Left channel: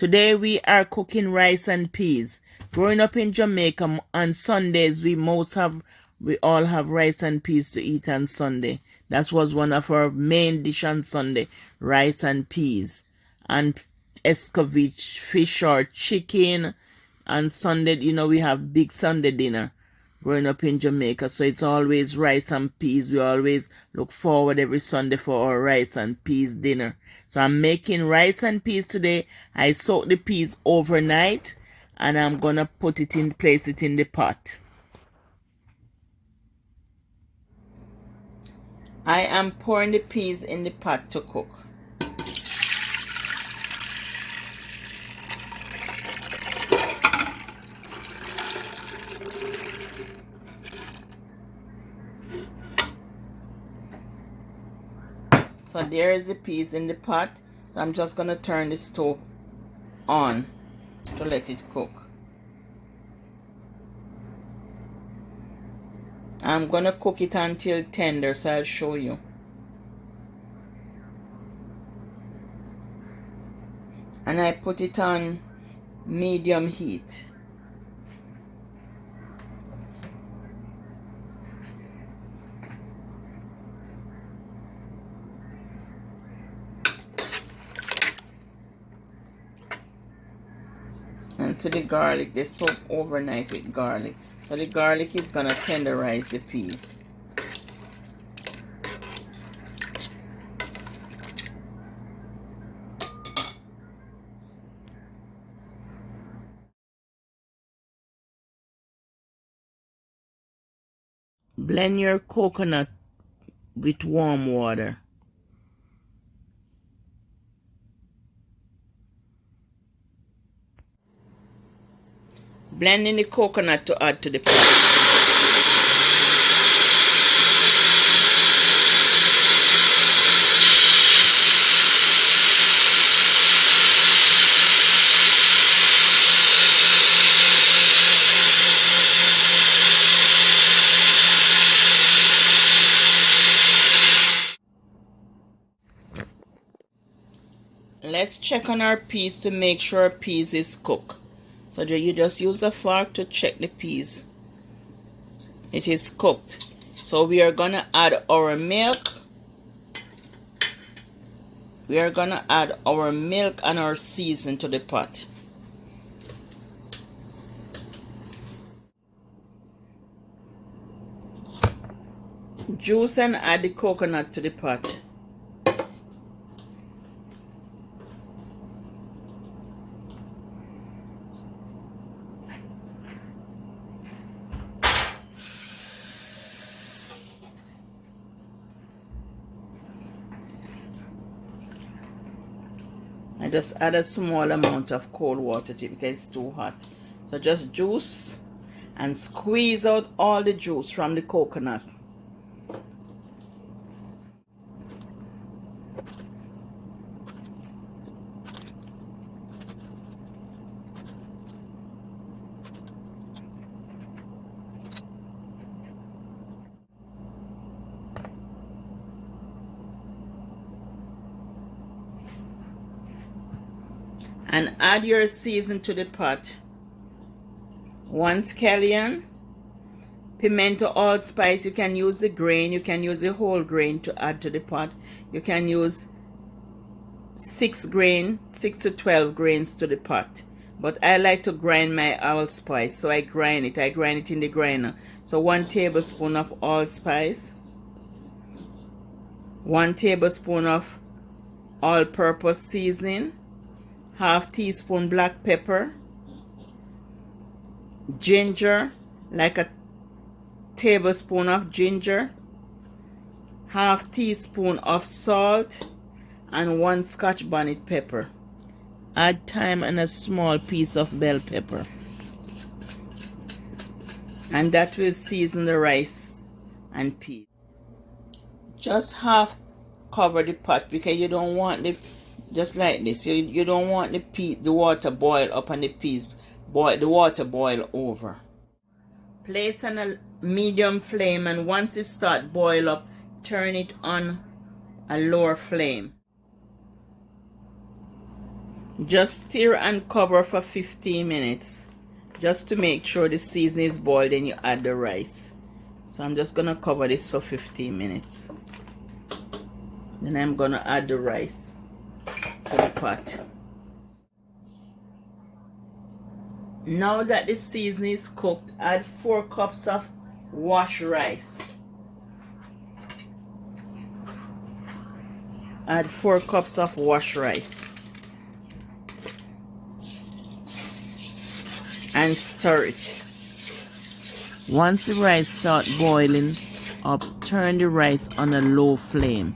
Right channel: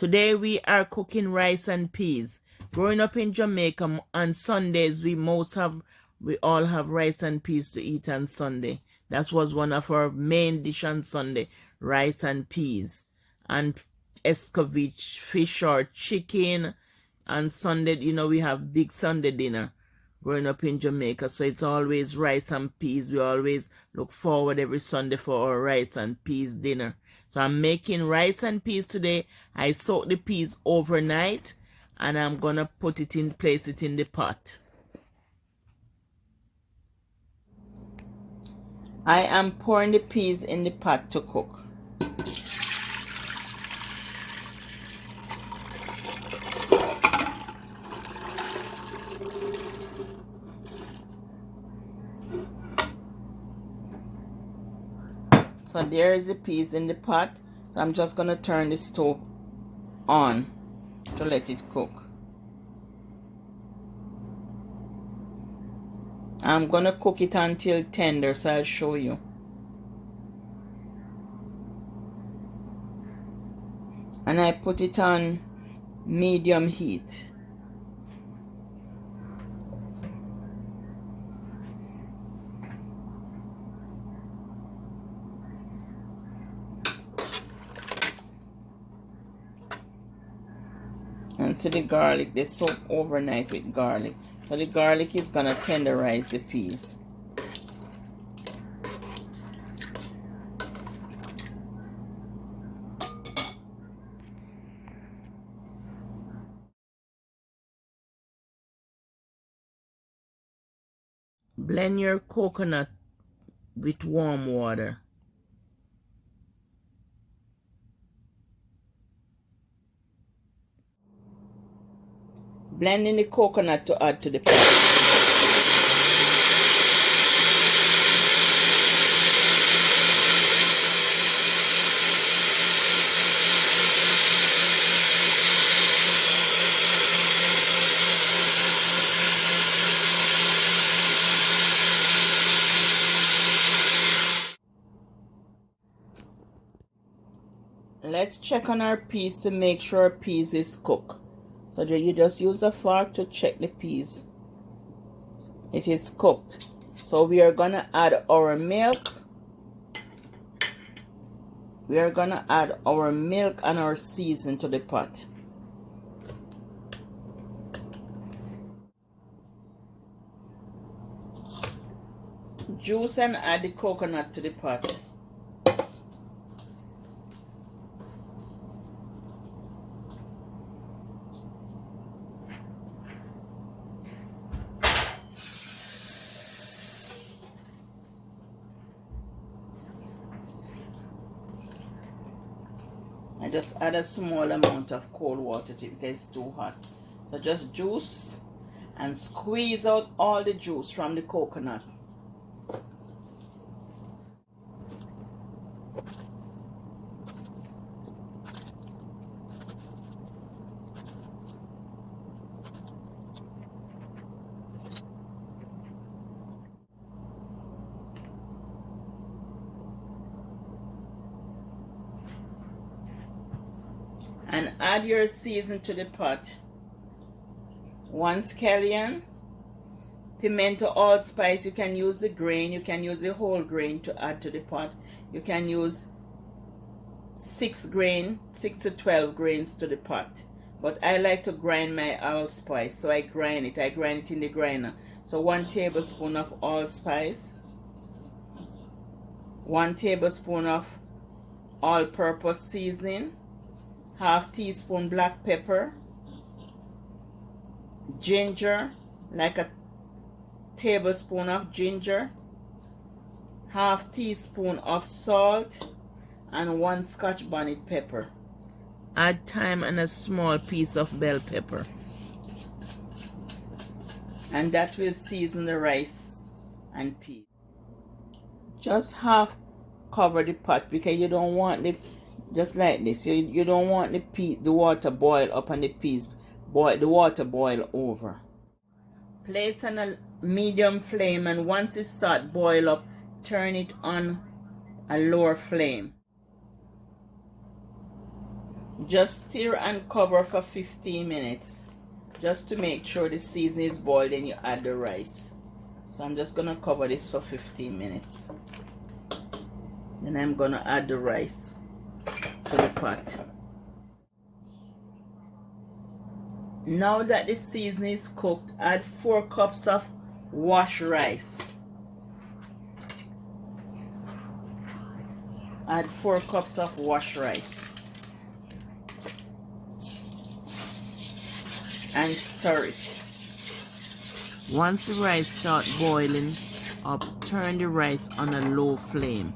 Today we are cooking rice and peas. Growing up in Jamaica, on Sundays we all have rice and peas to eat on Sunday. That was one of our main dish on Sunday, rice and peas. And escovitch, fish or chicken. On Sunday, we have big Sunday dinner growing up in Jamaica. So it's always rice and peas. We always look forward every Sunday for our rice and peas dinner. So I'm making rice and peas today. I soak the peas overnight and I'm gonna place it in the pot. I am pouring the peas in the pot to cook. So there is the peas in the pot. So I'm just gonna turn the stove on to let it cook. I'm gonna cook it until tender, so I'll show you. And I put it on medium heat. And so the garlic, they soak overnight with garlic. So the garlic is gonna tenderize the peas. Blend your coconut with warm water. Blending the coconut to add to the pot. Let's check on our peas to make sure our peas is cooked. So you just use a fork to check the peas. It is cooked. So we are gonna add our milk. We are gonna add our milk and our season to the pot. Juice and add the coconut to the pot. I just add a small amount of cold water to it because it's too hot. So just juice and squeeze out all the juice from the coconut. And add your season to the pot. 1 scallion, pimento allspice. You can use the grain, you can use the whole grain to add to the pot. You can use 6 to 12 grains to the pot. But I like to grind my allspice, so I grind it in the grinder. So 1 tablespoon of allspice, 1 tablespoon of all-purpose seasoning, half teaspoon black pepper, ginger, like a tablespoon of ginger, half teaspoon of salt, and 1 Scotch bonnet pepper. Add thyme and a small piece of bell pepper. And that will season the rice and peas. Just half cover the pot because you don't want just like this. You don't want the water boil up and the water boil over. Place on a medium flame, and once it start boil up, turn it on a lower flame. Just stir and cover for 15 minutes. Just to make sure the seasoning is boiled, then you add the rice. So I'm just gonna cover this for 15 minutes. Then I'm gonna add the rice to the pot. Now that the seasoning is cooked, add 4 cups of washed rice. Add 4 cups of washed rice. And stir it. Once the rice starts boiling up, turn the rice on a low flame.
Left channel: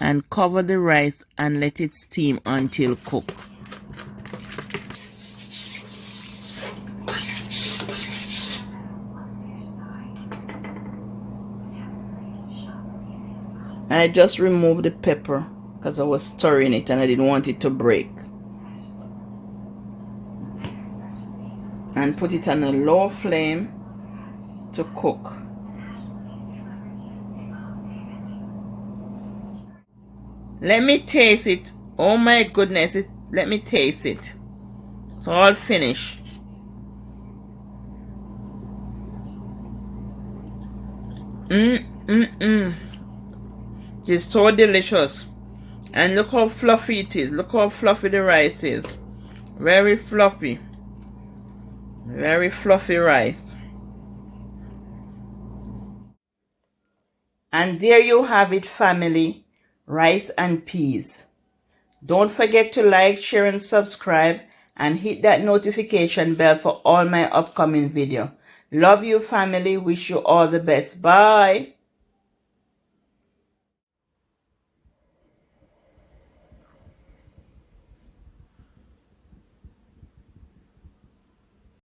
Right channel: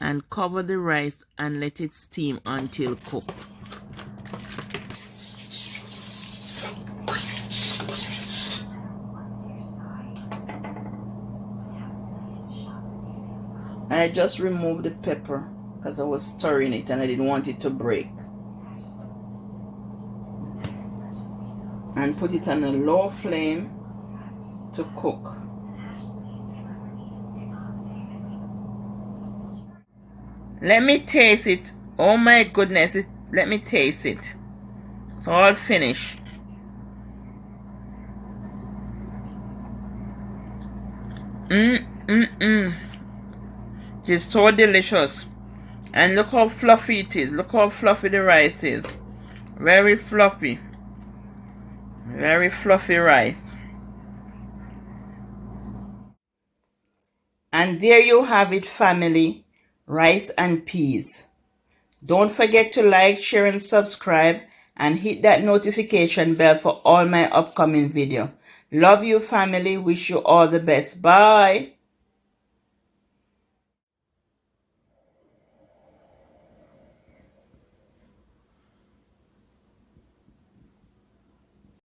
And cover the rice and let it steam until cooked. I just removed the pepper because I was stirring it and I didn't want it to break. And put it on a low flame to cook. Let me taste it. Oh my goodness, let me taste it. It's all finished. It's so delicious. And look how fluffy it is. Look how fluffy the rice is. Very fluffy. Very fluffy rice. And there you have it, family. Rice and peas. Don't forget to like, share, and subscribe. And hit that notification bell for all my upcoming video. Love you, family. Wish you all the best. Bye.